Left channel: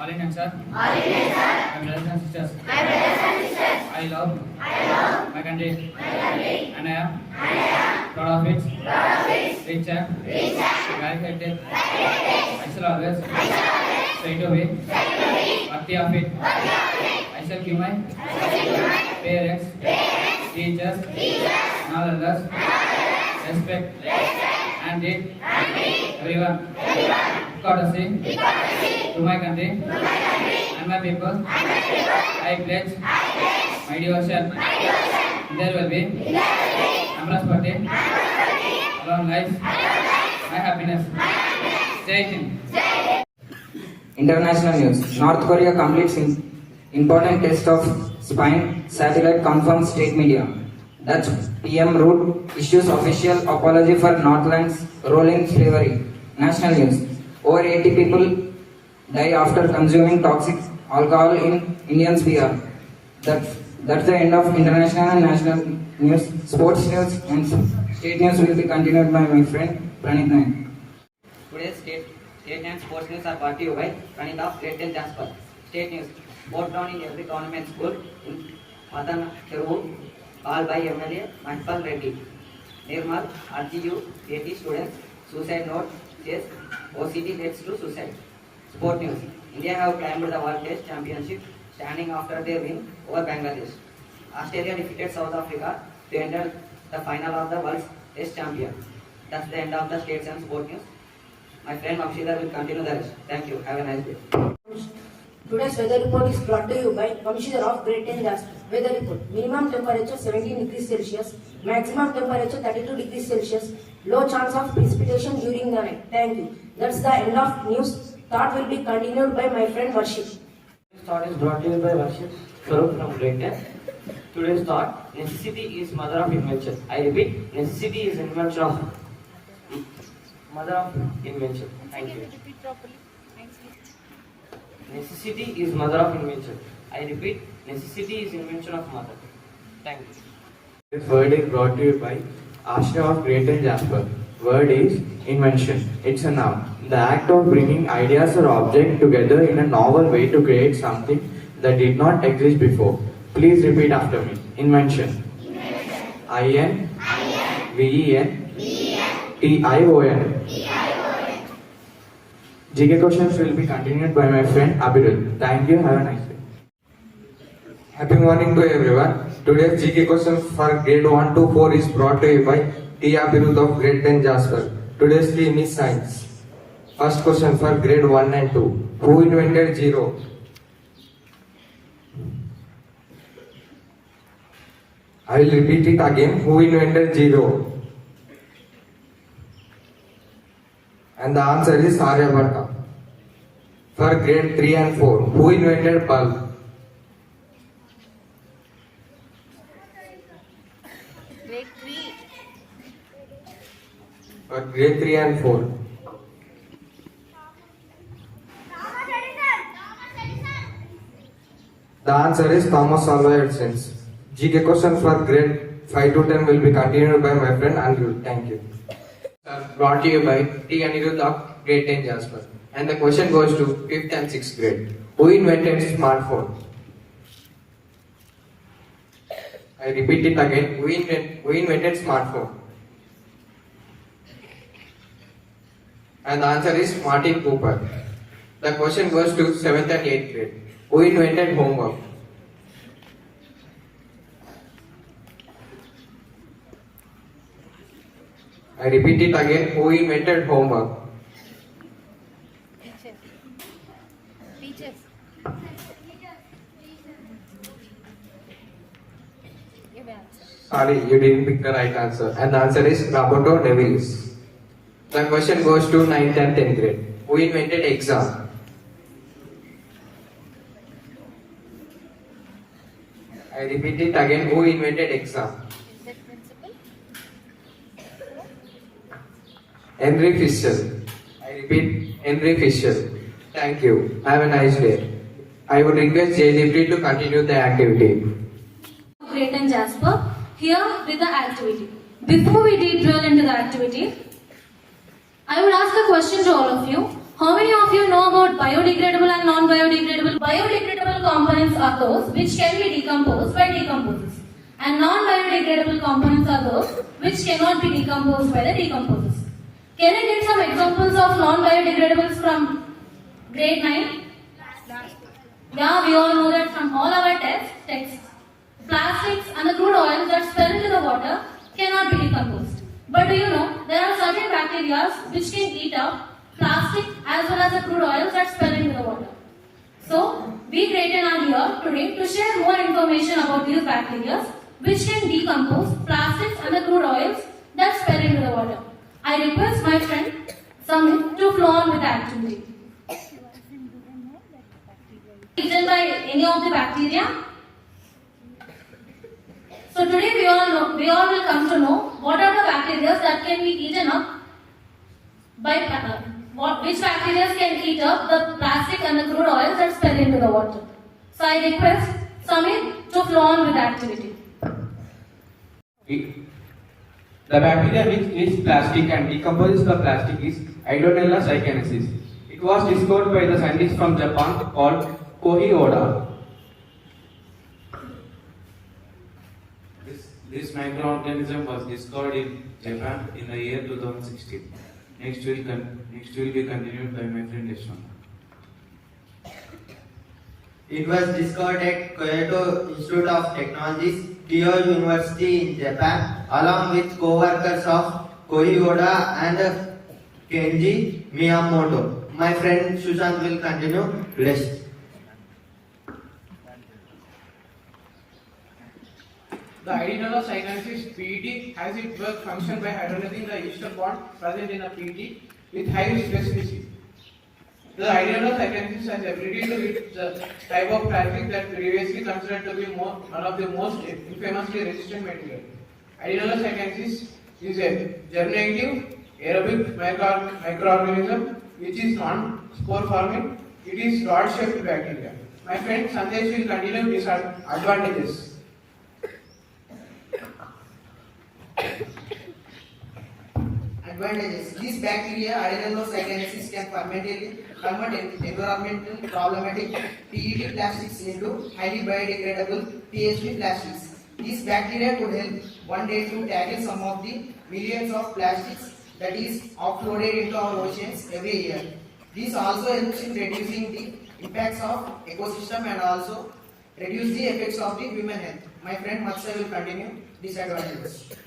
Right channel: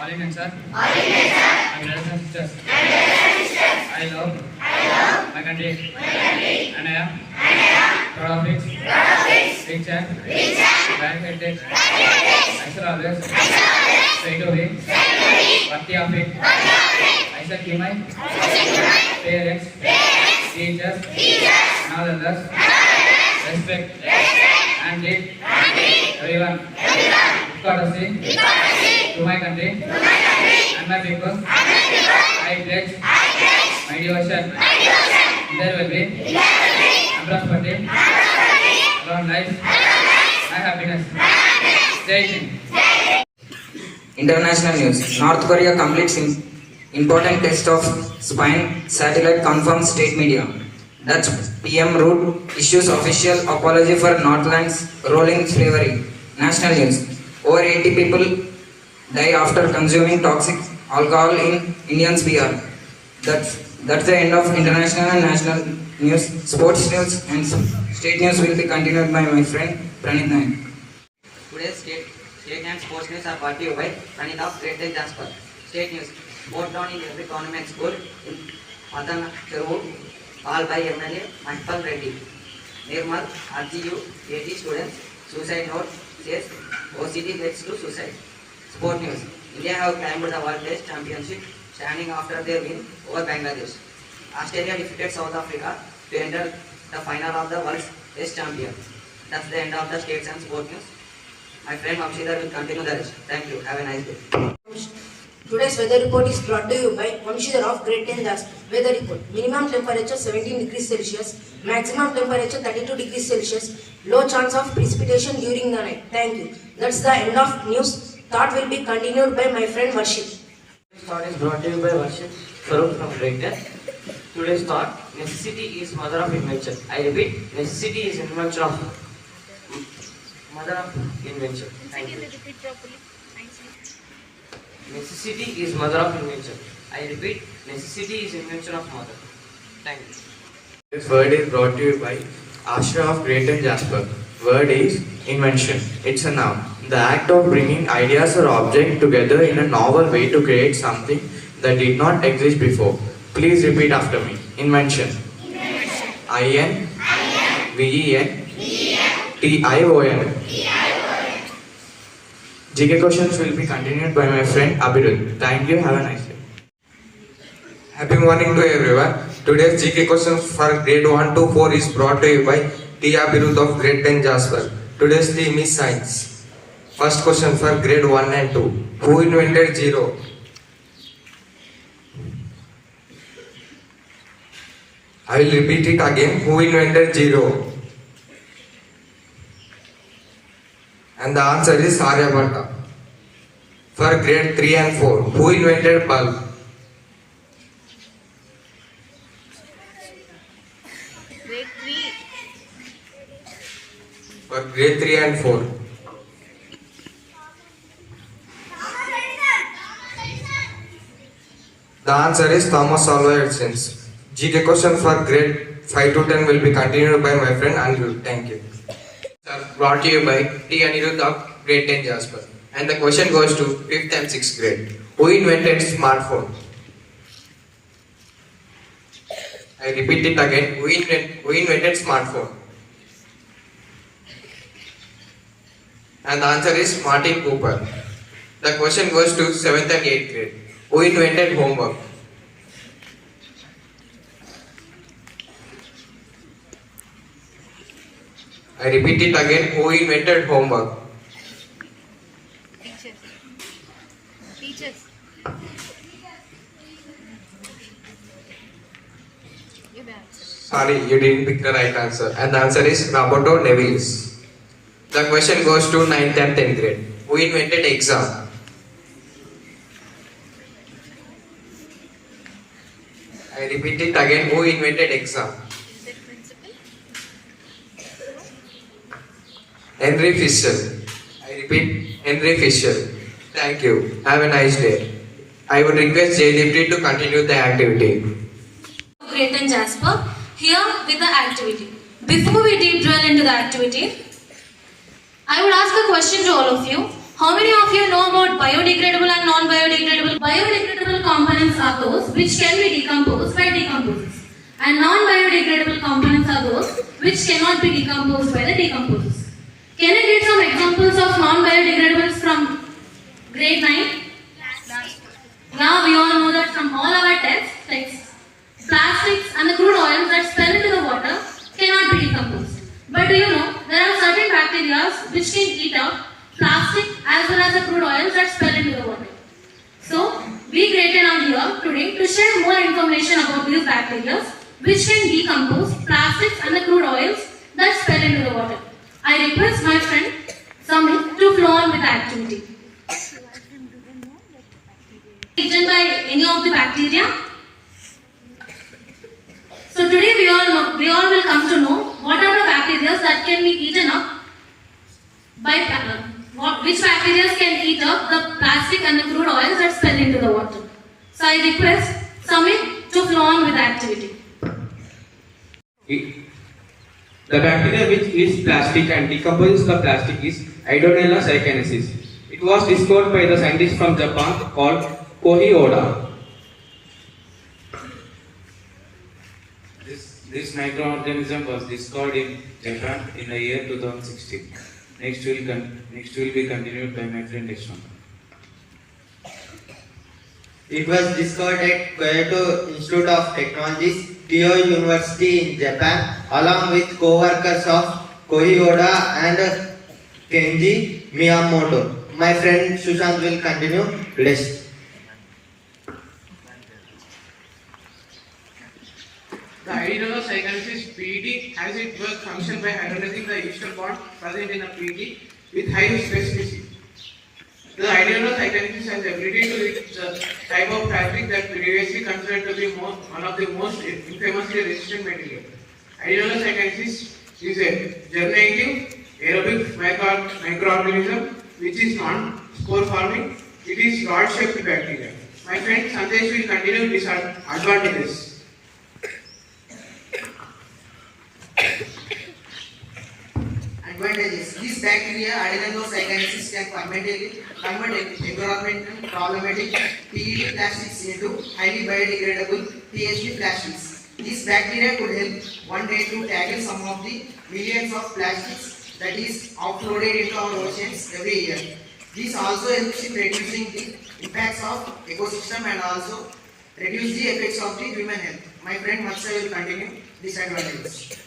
All Indians, sir. All Indians, sir. My brothers and sisters. My brothers and sisters. I love my country. My country. And I am proud of it. Proud of it. Rich and black heritage. I shall always try to be worthy of it. I shall give my parents, teachers, and all others respect and treat everyone courtesy to my country and my people. I pledge my devotion. There will be prosperity, long life, my happiness. Jai Hind. International news. North Korea completes important test of spine satellite confirms state media. Dutch PM Rutte issues official apology for Northland's rolling slavery. National news. Over 80 people die after consuming toxic alcohol in Indian's beer. That's the end of international and national news. Sports news and state news will be continued by my friend Pranit Nayak. Today's state and sports news are brought to you by Pranit of Great Jasper. State news. Vote down in every government school in Matan Cheruvu, all by MLA Mahipal Reddy. Nirmal, RGU, 80 students, suicide note says OCD leads to suicide. Sport news. India have climbed the World Test Championship standing after their win over Bangladesh. Australia defeated South Africa to enter the final of the World Test Champion. That's the end of the states and sport news. My friend Vamshidhar will continue the rest. Thank you. Have a nice day. Today's weather report is brought to you by Vamshidhar of Great Jasper. Weather report. Minimum temperature 17 degrees Celsius. Maximum temperature 32 degrees Celsius. Low chance of precipitation during the night. Thank you. That's the end of news. Thought will be continued by my friend Varshit. Today's thought is brought to you by Varshit Swarup from Great. Today's thought: necessity is mother of invention. I repeat, necessity is invention of mother of invention. Thank you. Necessity is mother of invention. I repeat, necessity is invention of mother. Thank you. This word is brought to you by Asha of Great Jasper. Word is invention. It's a noun. The act of bringing ideas or objects together in a novel way to create something that did not exist before. Please repeat after me. Invention. I-N-V-E-N-T-I-O-N. GK questions will be continued by my friend Abhirud. Thank you. Have a nice day. Happy morning to everyone. Today's GK questions for grade 1 to 4 is brought to you by T. Abhirud of Great Jasper. Today's theme is science. First question for grade 1 and 2. Who invented zero? I will repeat it again. Who invented zero? And the answer is Aryabhatta. For grade 3 and 4. Who invented bulb? Grade 3. For grade 3 and 4. The answer is Thomas Alva Edison. GK question for grade 5 to 10 will be continued by my friend Andrew. Thank you. Brought to you by T. Anirudh of Great Jasper. And the question goes to 5th and 6th grade. Who invented smartphone? I repeat it again. Who invented smartphone? And the answer is Martin Cooper. The question goes to 7th and 8th grade. Who invented homework? I repeat it again. Who invented homework? Teachers. Sorry, you didn't pick the right answer. And the answer is Roberto Nevilis. The question goes to 9th and 10th grade. Who invented exam? I repeat it again. Who invented exam? Henry Fisher. I repeat, Henry Fisher. Thank you. Have a nice day. I would request Jaydeep to continue the activity. Great Jasper, here with the activity. Before we deep drill into the activity, I would ask a question to all of you. How many of you know about biodegradable and non-biodegradable? Biodegradable components are those which can be decomposed by decomposers. And non-biodegradable components are those which cannot be decomposed by the decomposers. Can I get some examples of non-biodegradables from grade 9? Yeah, we all know that from all our texts. Plastics and the crude oils that spill into the water cannot be decomposed. But do you know, there are certain bacteria which can eat up plastic as well as the crude oils that spill into the water. So, we created an idea today to share more information about these bacteria which can decompose plastics and the crude oils that spill into the water. I request my friend Samit to flow on with the activity. Eaten by any of the bacteria? So today we all will come to know what are the bacteria that can be eaten up by which bacteria can eat up the plastic and the crude oils that spill into the water. So I request Samit to flow on with the activity. The bacteria which eats plastic and decomposes the plastic is Hydronella cychensis. It was discovered by the scientist from Japan called Kohei Oda. This microorganism was discovered in Japan in the year 2016. Next will be continued by my friend Yashaswini. It was discovered at Kyoto Institute of Technologies, Tokyo University in Japan, along with co-workers of Kohei Oda and Kenji Miyamoto. My friend Sushant will continue next. The Hydronella cychensis PET has its work function by hydrolyzing the ester bond present in a PET with high specificity. The Hydronella cychensis has the ability to reach the type of plastic that previously considered to be one of the most infamously resistant materials. Hydronella cychensis is a germinative aerobic microorganism which is non-spore forming. It is rod-shaped bacteria. My friend Sandesh will continue these advantages. Advantages. These bacteria, adenomyocytosis, can permanently convert environmental problematic PET plastics into highly biodegradable PHP plastics. These bacteria could help one day to tackle some of the millions of plastics that is offloaded into our oceans every year. This also helps in reducing the impacts of ecosystem and also reduce the effects of the human health. My friend Matsya will continue disadvantages.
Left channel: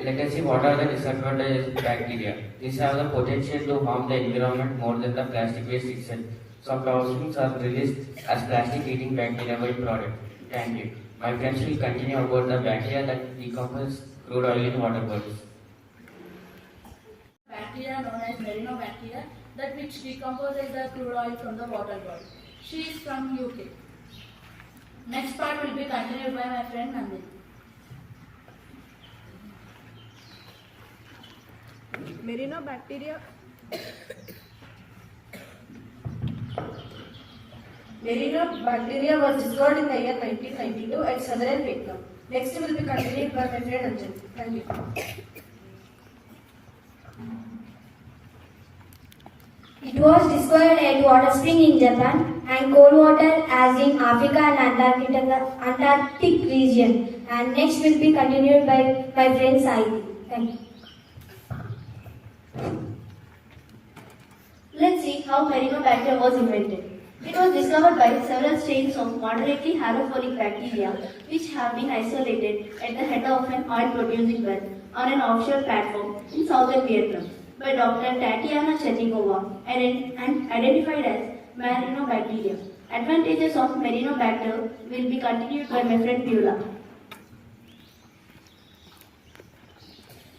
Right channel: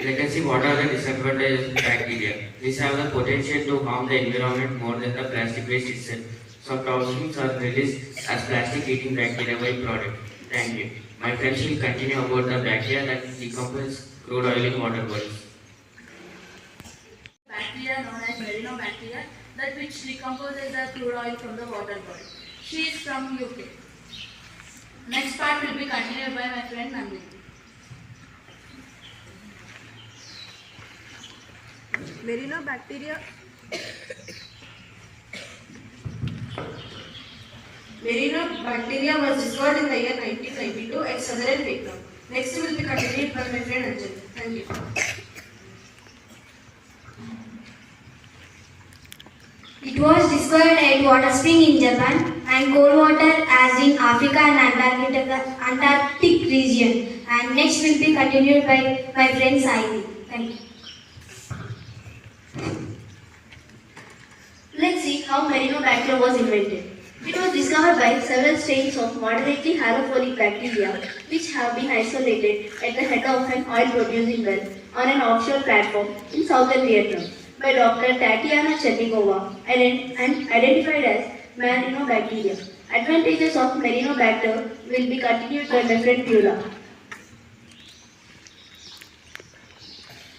Let us see what are the disadvantages of bacteria. These have the potential to harm the environment more than the plastic waste itself. Some toxins are released as plastic-eating bacteria by product. Thank you. My friends will continue about the bacteria that decompose crude oil in water bodies. Bacteria known as Bacteria that which decomposes the crude oil from the water body. She is from UK. Next part will be continued by my friend Nandini. Bacteria was discovered in the year 1992 at Southern Vietnam. Next will be continued by my friend Anjali. Thank you. It was discovered at water spring in Japan and cold water as in Africa and Antarctic region. And next will be continued by my friend Saidi. Thank you. Let's see how Bacteria was invented. It was discovered by several strains of moderately halophilic bacteria which have been isolated at the head of an oil-producing well on an offshore platform in southern Vietnam by Dr. Tatiana Chernikova and identified as Bacteria. Advantages of Bacteria will be continued by my friend Pula.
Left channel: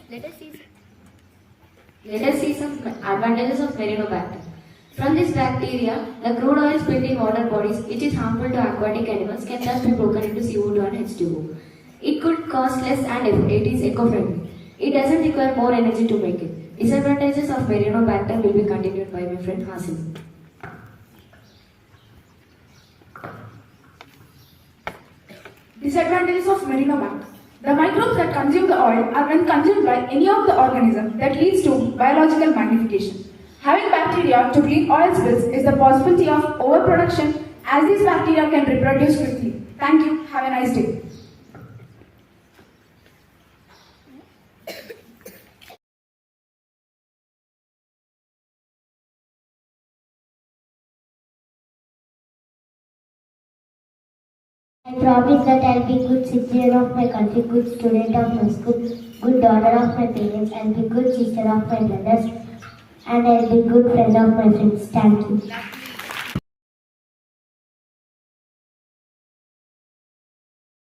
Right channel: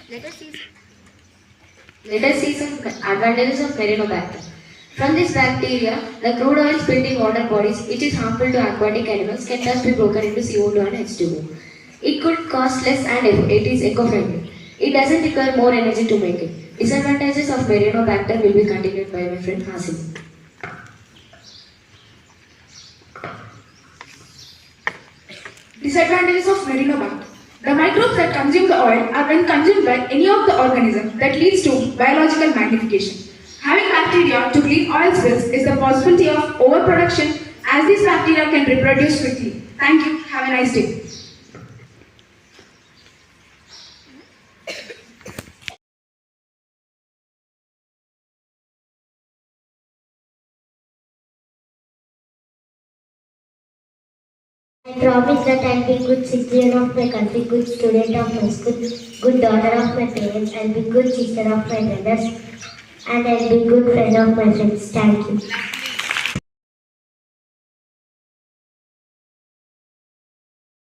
Let us see some advantages of Bacteria. From this bacteria, the crude oil spilled in water bodies, which is harmful to aquatic animals, can thus be broken into CO2 and H2O. It could cost less and it is eco-friendly. It doesn't require more energy to make it. Disadvantages of Bacteria will be continued by my friend Hazel. Disadvantages of Bacteria. The micro microbes that consume the oil are when consumed by any of the organisms that leads to biological magnification. Having bacteria to clean oil spills is the possibility of overproduction as these bacteria can reproduce quickly. Thank you. Have a nice day. I promise that I'll be good citizen of my country, good student of my school, good daughter of my parents, I'll be good sister of my brothers, and I'll be good friend of my friends. Thank you.